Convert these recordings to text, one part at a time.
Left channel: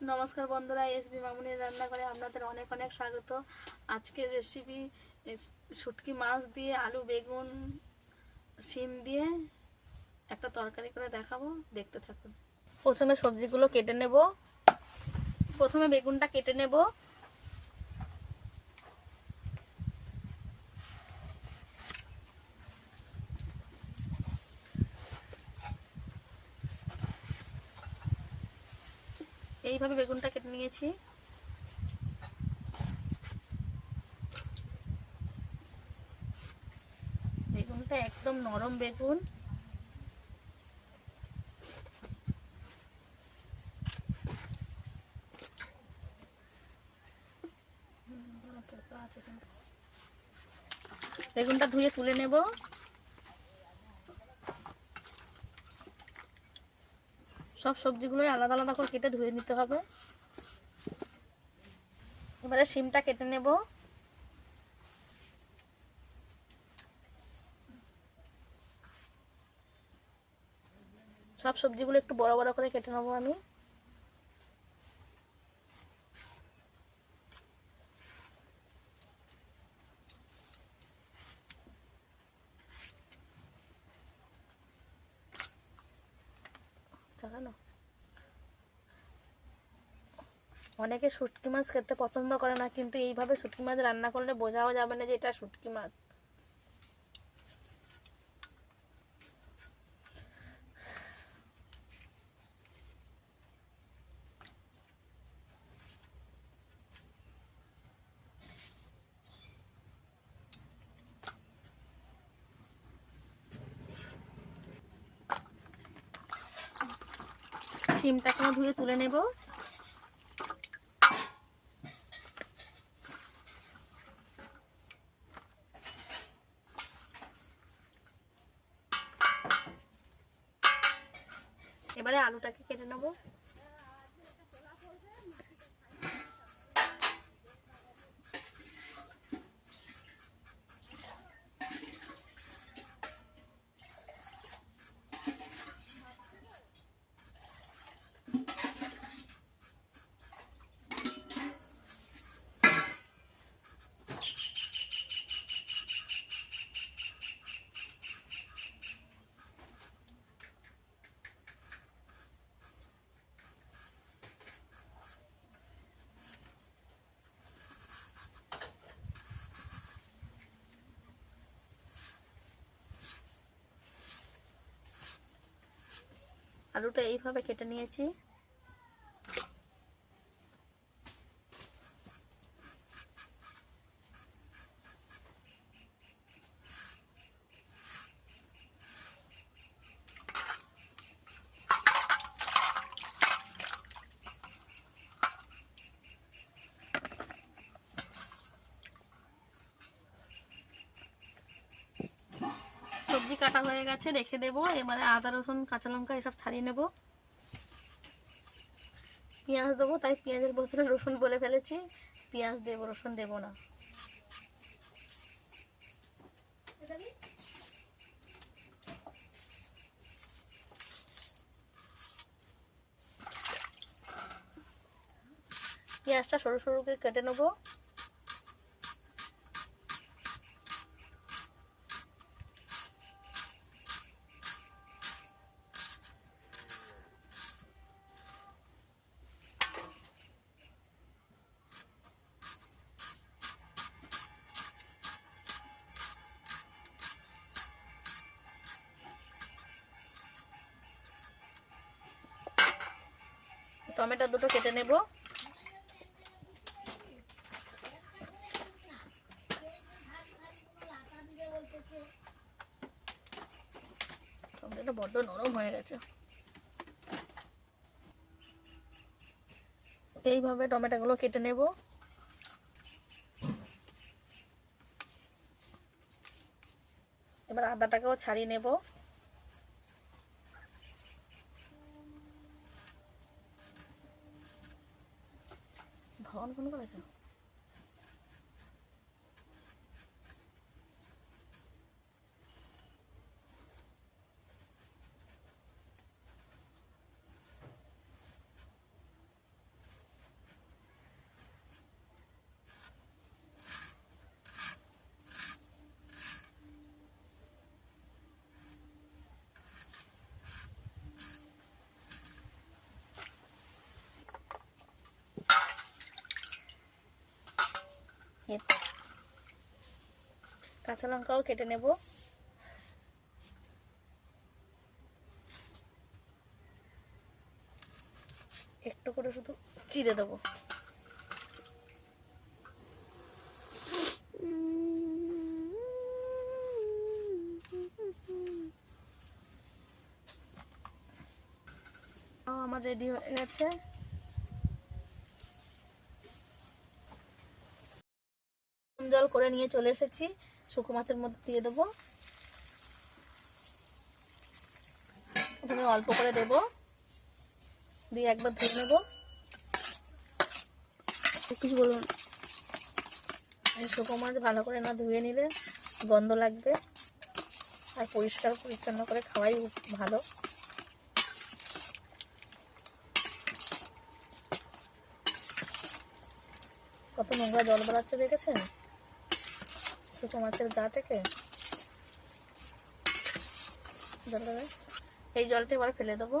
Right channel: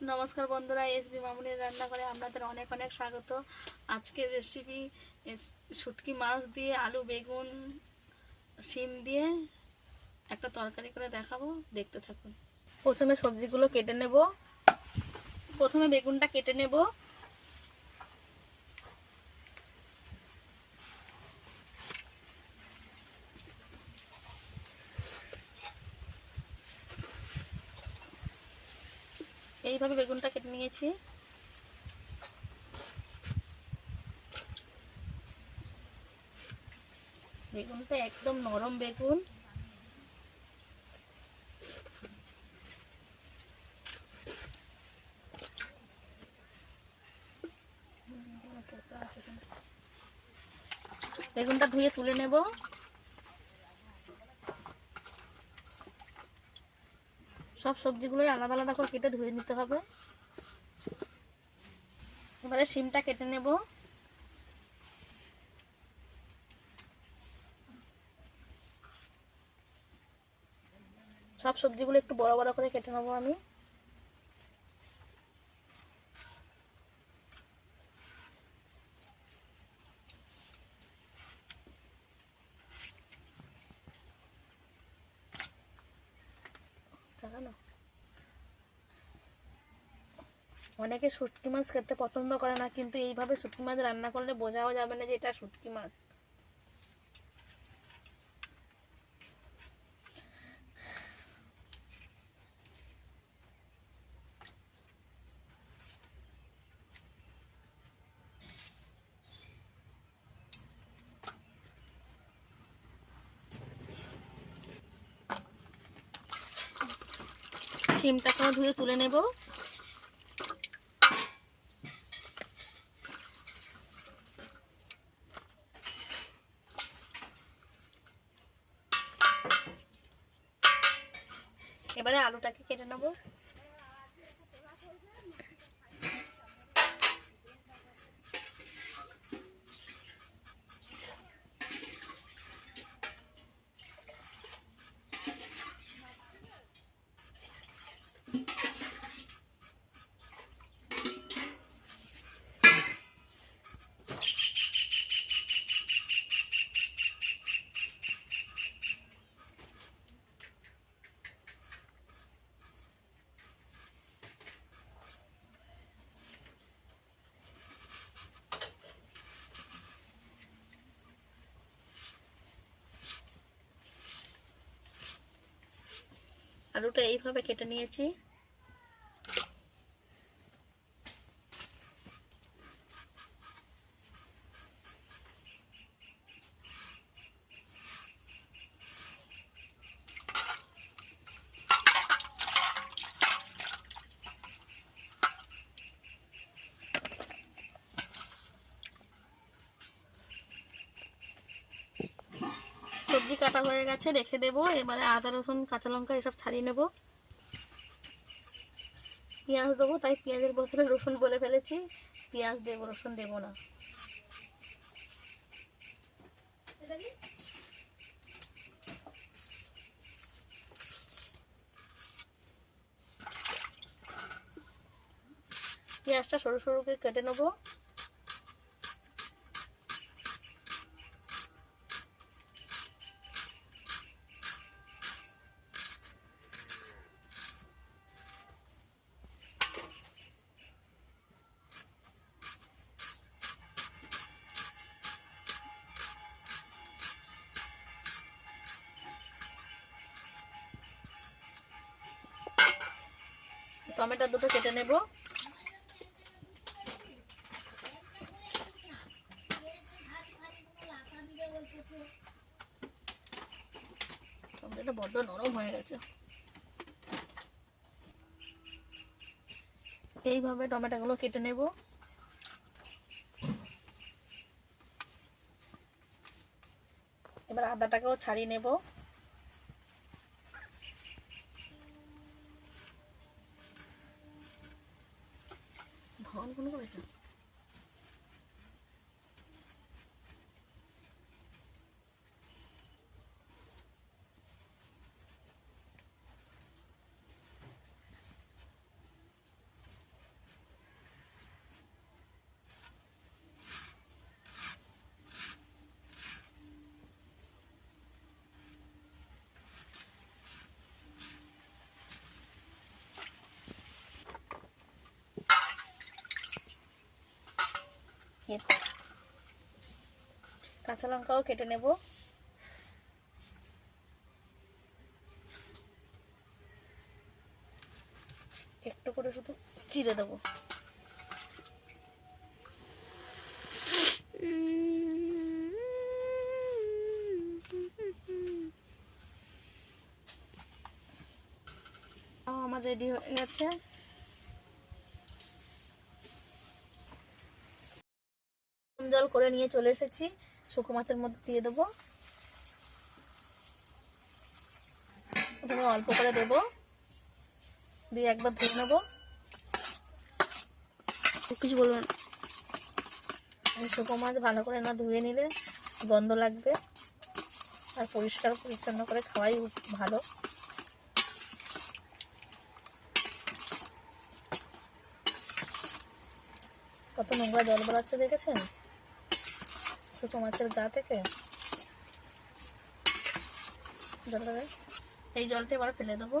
নমস্কার বন্ধুরা, এসবি মামুনির রান্নাঘরে আপনাদের অনেক অনেক স্বাগত। আজকের রেসিপি শুটকি মাছ দিয়ে আলু বেগুন শিম দিয়ে একটা তরকারি করে দেখাবো, দেখতে থাকুন। প্রথমে সবজিগুলো কেটে নেব। প্রথমে বেগুনটা কেটে নেব। এইভাবে বেগুনটা কেটে নিয়েছি। বেগুনটা একদম নরম বেগুন। বেগুনটা ধুয়ে তুলে নেব। সব সবজিগুলোই আলাদা আলাদা করে কেটে ধুয়ে নিতে হবে। এবারে শিমটা কেটে নেব। সব সবজিগুলো একটু বড় বড় করে কেটে নেবো আমি। অনেকে শুটকি মাছ খেতে পছন্দ করে না, কিন্তু এইভাবে শুটকি মাছ রান্না করলে বোঝাও যাবে না যে এটা শুটকি মাছ। শিমটাকে ধুয়ে তুলে নেব। এবারে আলুটাকে কেটে নেব। আলুটা এইভাবে কেটে নিয়েছি। সবজি কাটা হয়ে গেছে, রেখে দেবো। এবারে আদা রসুন কাঁচা লঙ্কা এসব ছাড়িয়ে নেব। পেঁয়াজ দেবো, তাই পেঁয়াজের বদলে রসুন বলে ফেলেছি। পেঁয়াজ দেবো, রসুন দেবো না। পেঁয়াজটা সরু সরু করে কেটে নেবো। টমেটো দুটো কেটে নেব। টমেটোটা বড্ড নরম হয়ে গেছে। এইভাবে টমেটোগুলো কেটে নেব। এবার আদাটাকেও ছাড়িয়ে নেব। ভগবান ফোন করেছে। কাঁচা লঙ্কাও কেটে নেব। একটু করে শুধু চিড়ে দেবো। আমার রেডি হয়ে গেছে। জল করে নিয়ে চলে এসেছি, শুকনো মাছের মধ্যে দিয়ে দেবো। এখানে অল্প করে দেব, দিয়ে একবার ধুয়ে নেব। কিছু বলবেন? এই শুকনো মাছ ভালো করে না ধুয়ে নিলে গন্ধ লাগবে, আর পরিষ্কার পরিচ্ছন্ন করে খাওয়াই ভালো। কত নোংরা জল বেড়াচ্ছে দেখেছেন শুকনো মাছের গা থেকে। এই জলটা এবার ফেলে দেবো।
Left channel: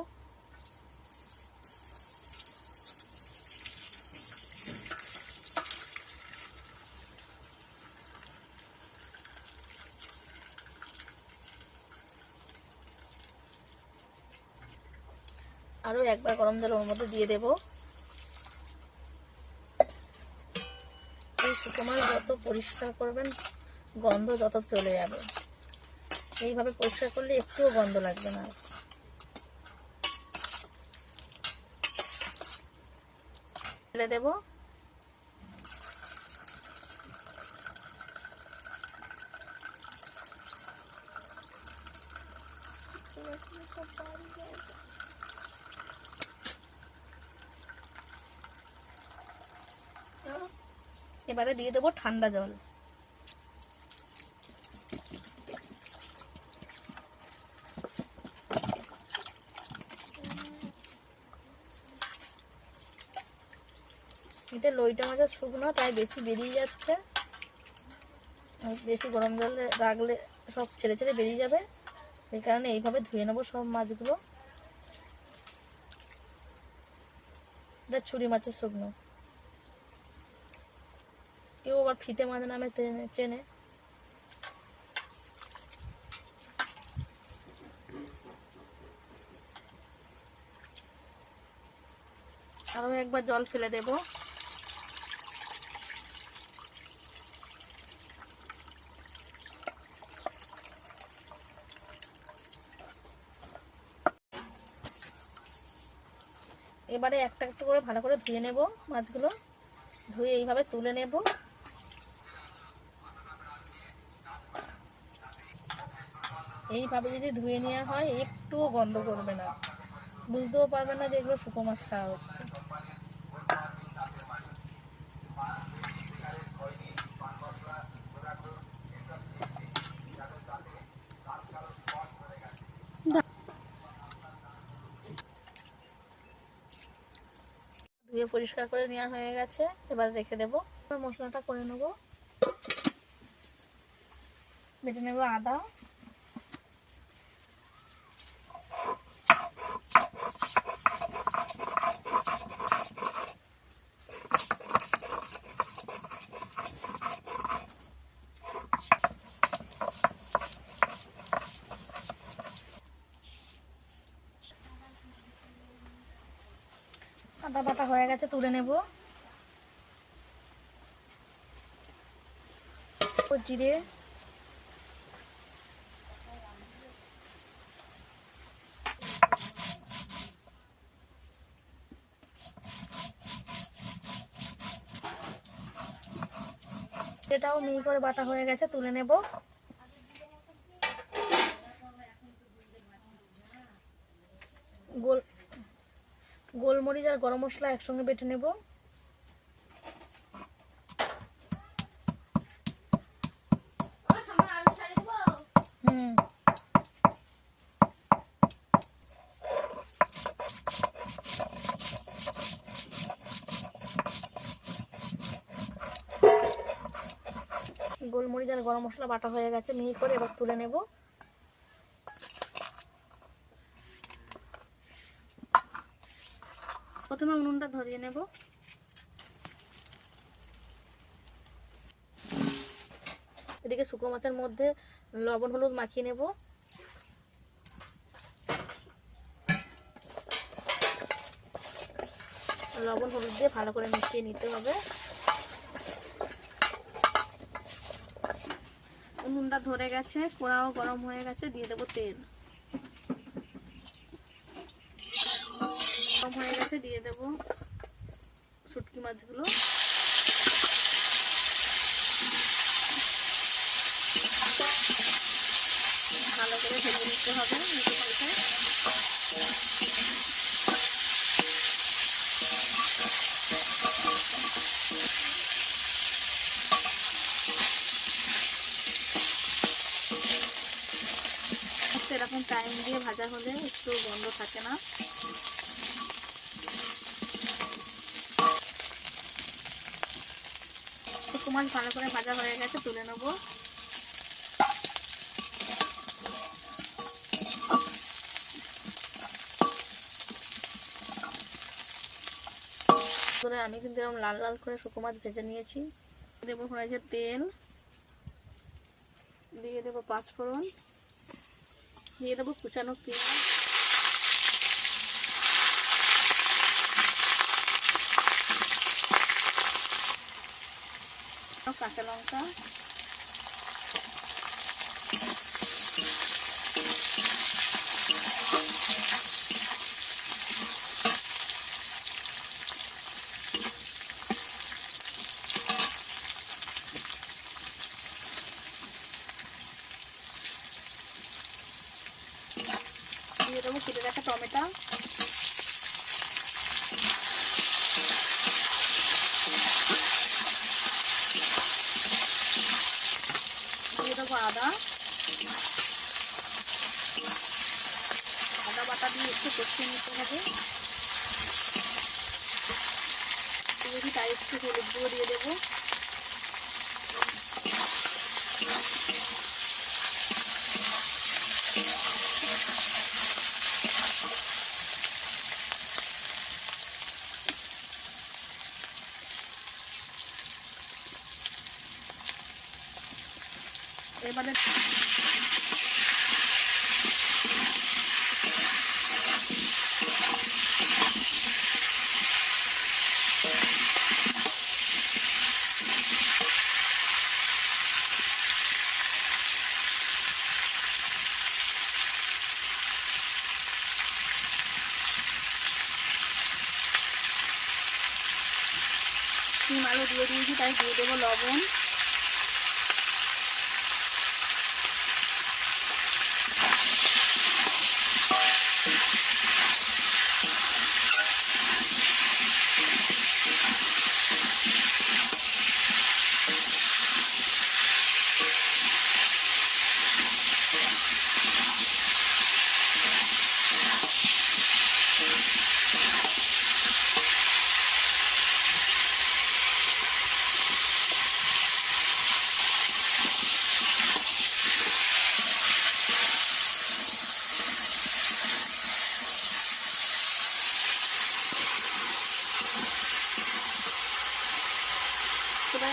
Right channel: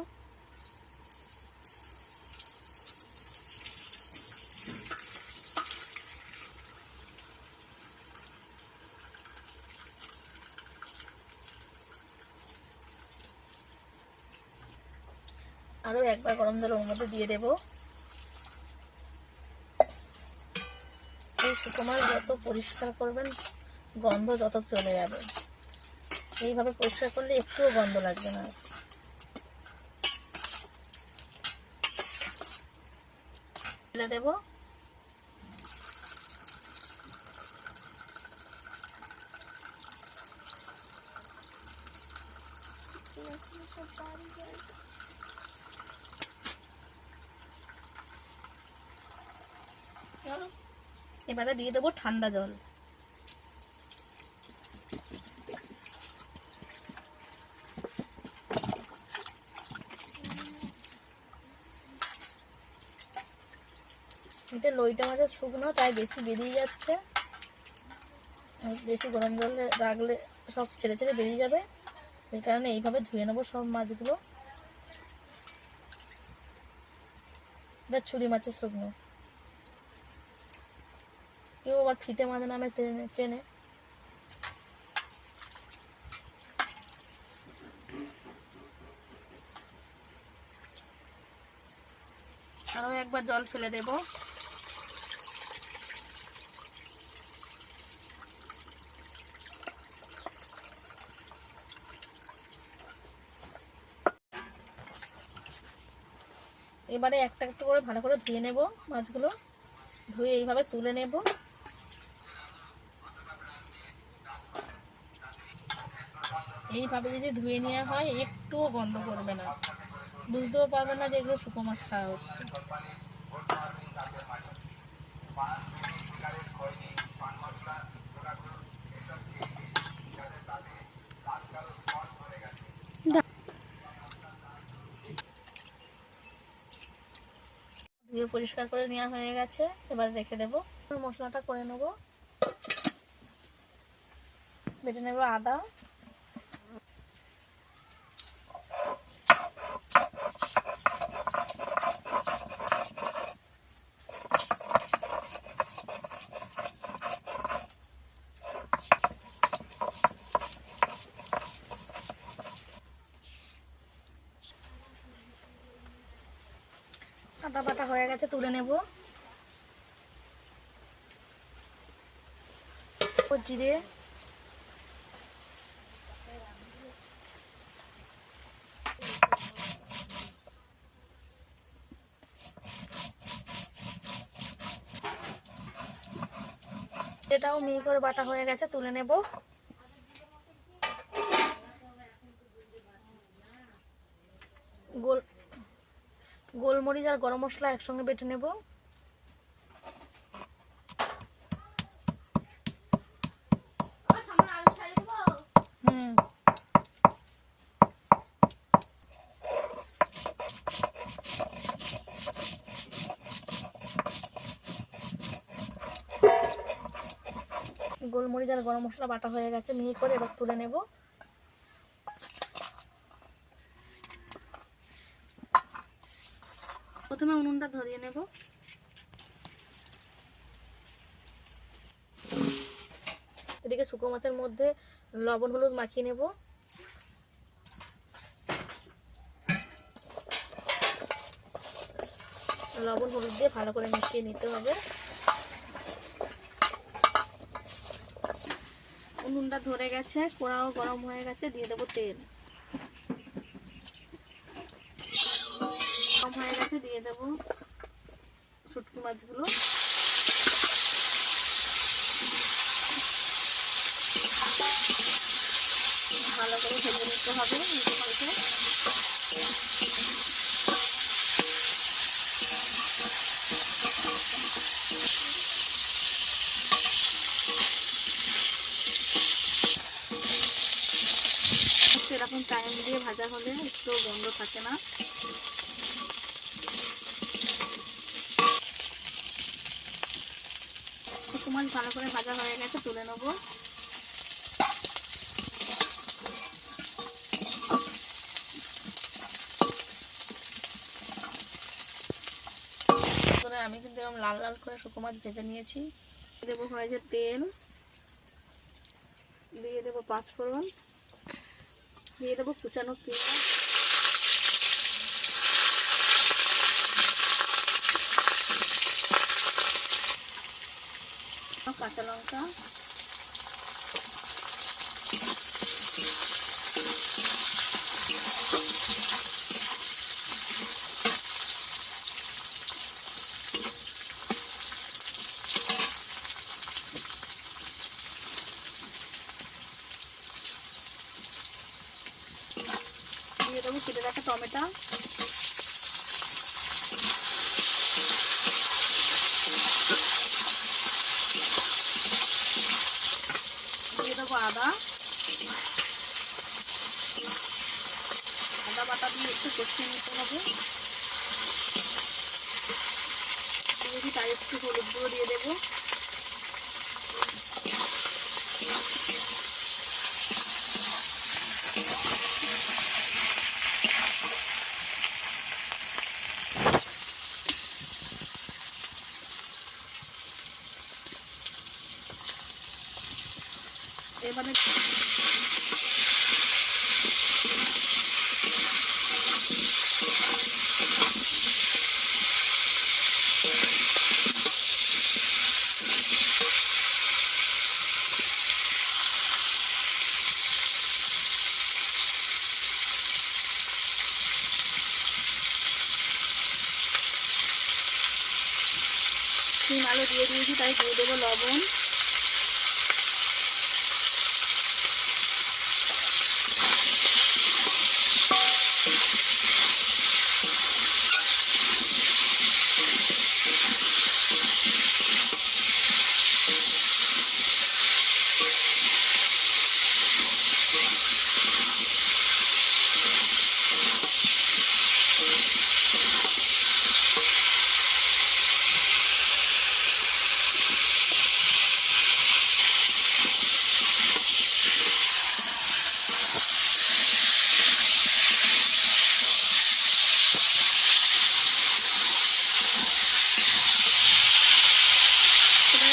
আরো একবার গরম জল ওর মধ্যে দিয়ে দেব। এই শুকনো মাছ যত পরিষ্কার করবেন গন্ধ যত চলে যাবে। এইভাবে পরিষ্কার করলে একটুও গন্ধ লাগবে না। ফেলে দেব। এবারে দিয়ে দেবো ঠান্ডা জল। এটা লইটা মাছের শুকনো, তাই বেশি বেরিয়ে যাচ্ছে। বেশি গরম জলে রাখলে সব ছেড়ে ছেড়ে বেরিয়ে যাবে, এই কারণে এইভাবে ধুয়ে নেবো সব মাছগুলো। এটা ছুরি মাছের শুকনো, কেউ আবার ফিতে মাছ নামে চেনে। আরো একবার জল ফেলে দেব। এবারে একটা একটু করে ভালো করে ধুয়ে নেব মাছগুলো। ধুয়ে এইভাবে তুলে নেব। এইভাবে যদি ধুয়ে নেওয়া হয় একটুও গন্ধ করবে না, বুঝতেও পারবে না যে এগুলো শুকনো মাছ খাওয়া হচ্ছে। ধুয়ে পরিষ্কার করে নেওয়া হয়ে গেছে, এবার রেখে দেব। মশলাটা করে নেব। বেটে নেব আদা, আদা বাটা হয়ে গেছে, তুলে নেব। জিরে, এটাও মিহি করে বাটা হয়ে গেছে, তুলে নেব। গোলমরিচ আর গরম মশলা একসঙ্গে বেটে নেব। গোলমরিচ আর গরম মশলা বাটা হয়ে গেছে মিহি করে, এবার তুলে নেব। প্রথমে উনুনটা ধরিয়ে নেব। এদিকে শুকনো মাছের মধ্যে লবণ হলুদ মাখিয়ে নেব। লবণ হলুদ দিয়ে ভালো করে মিশিয়ে নিতে হবে। উনুনটা ধরে গেছে, কড়াও গরম হয়ে গেছে, দিয়ে দেবো তেল। গরম হয়ে গেছে, দিয়ে দেবো শুটকি মাছগুলো। ভালো করে ভেজে নিতে হবে নিচে পাল্টে। এরকম টাইম দিয়ে ভাজা হলে একটু গন্ধ থাকে না। শুকনো মাছ ভালো করে ভাজা হয়ে গেছে, তুলে নেব। আমি কিন্তু এরকম লাল লাল করে শুকনো মাছ ভেজে নিয়েছি। দেবো হয়েছে তেল, দিয়ে দেবো পাঁচফোড়ন, দিয়ে দেবো কুচানো পেঁয়াজ, কাঁচা লঙ্কা, দিয়ে দেবো কেটে রাখা টমেটো, দিয়ে দেবো আদা বাটা দিয়ে একটু কষিয়ে নিতে হবে। দিয়েছি তাই একটু হলুদ গুঁড়ো দিয়ে দেবো। এবারে শিম আলু দিয়ে দিয়েছি, তাই দিয়ে দেবো লবণ,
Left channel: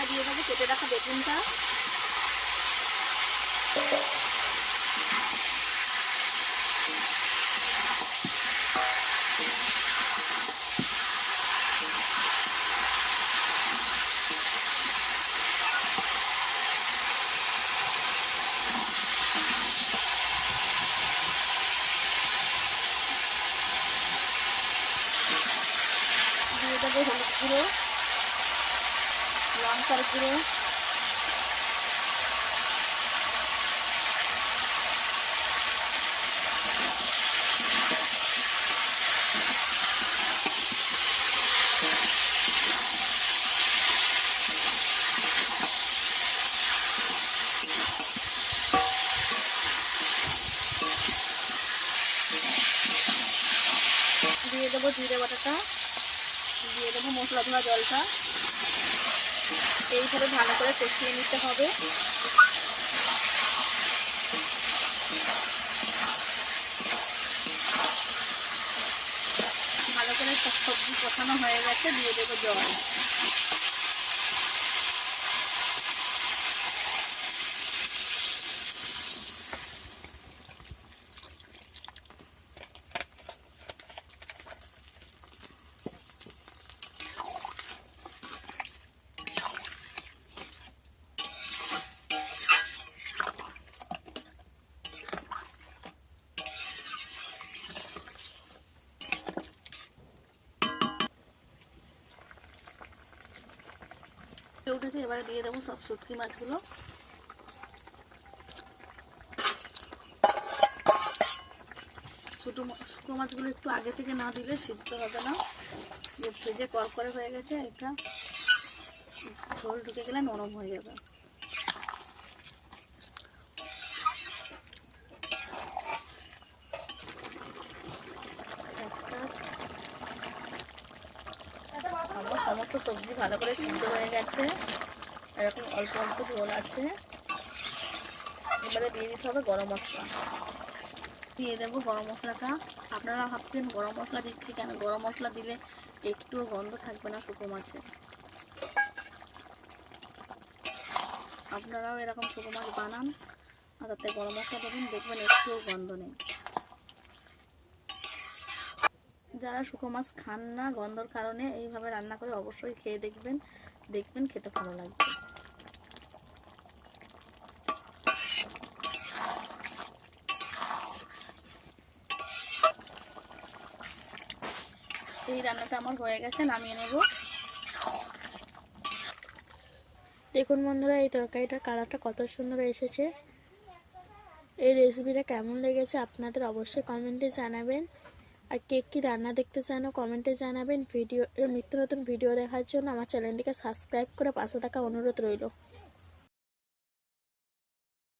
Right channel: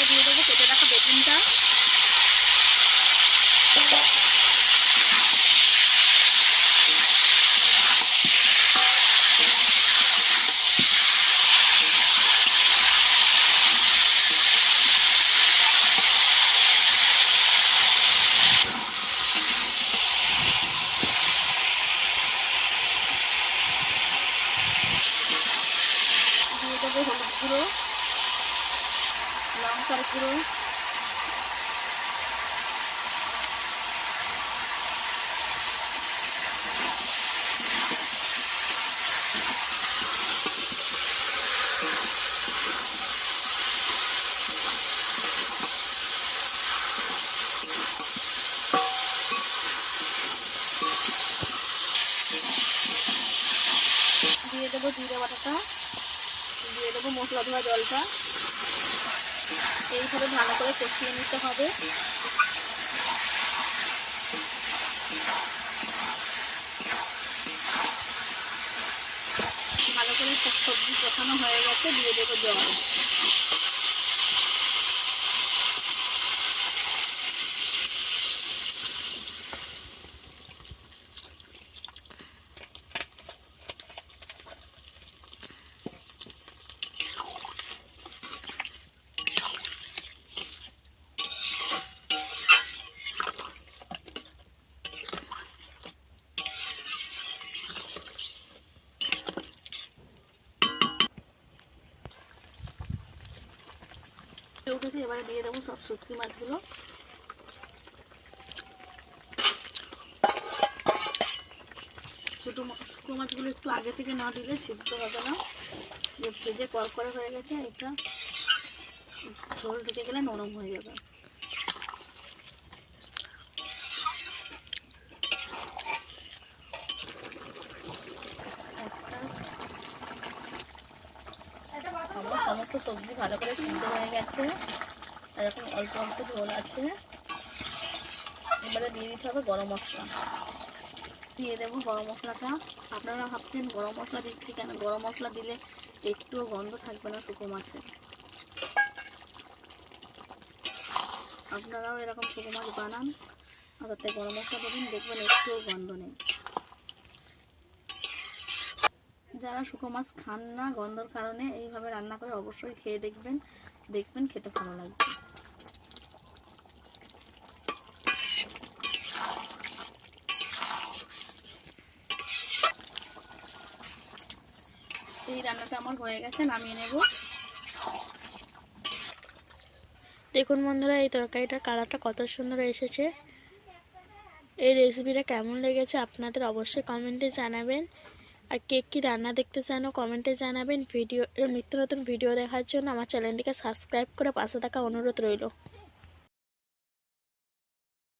দিয়ে দেবো কেটে রাখা বেগুনটা, দিয়ে দেবো হলুদ গুঁড়ো, লঙ্কার গুঁড়ো, দিয়ে দেবো জিরে বাটাটা, দিয়ে দেবো মশলা ধোয়া জলটা। এইভাবে ভালো করে কষিয়ে নিতে হবে। ভালো করে সবজি কষানো হয়ে গেছে, দিয়ে দেবো জল। উঠেছে, এবারে দিয়ে দেবো সব শুটকি মাছগুলো। শুকনো মাছগুলো একটু আগে থেকে না দিলে সিদ্ধ হবে না, যে ভেজে করকরে হয়ে গেছে, এটা ঝোল ঢুকে গেলে নরম হয়ে যাবে। আমার সমস্ত সবজি ভালো করে সিদ্ধ হয়ে গেছে, এরকম অল্প অল্প ঝোল আছে। এবারে দিয়ে দিতে হবে গরম মশলা। দিয়ে দেবো গরম মশলাটা। আপনারা ভাবছেন গরম মশলা দিচ্ছি কেন, গরম মশলা দিলে একটুও গন্ধ থাকবে না শুকনো মাছে। আপনারাও এরকম শুকনো মাছ বানান আর তাতে গরম মশলা দেবেন, দেখবেন একটুও গন্ধ নেই। যারা শুকনো মাছ খান না গন্ধর কারণে, এইভাবে রান্না করে অবশ্যই খেয়ে দেখবেন, দেখবেন খেতে ভালো লাগবে। এই রান্নাটা আমার হয়ে গেছে, নামিয়ে নেব। দেখুন বন্ধুরা, এই তরকারিটার কালারটা কত সুন্দর এসেছে। এই রেসিপিটা কেমন লেগেছে আপনাদের অবশ্যই কমেন্টে জানাবেন। আর কে কী রান্না দেখতে চান কমেন্টে জানাবেন। নিত্য নতুন ভিডিও দেখার জন্য আমার চ্যানেলটিকে সাবস্ক্রাইব করে পাশে থাকা অনুরোধ রইল।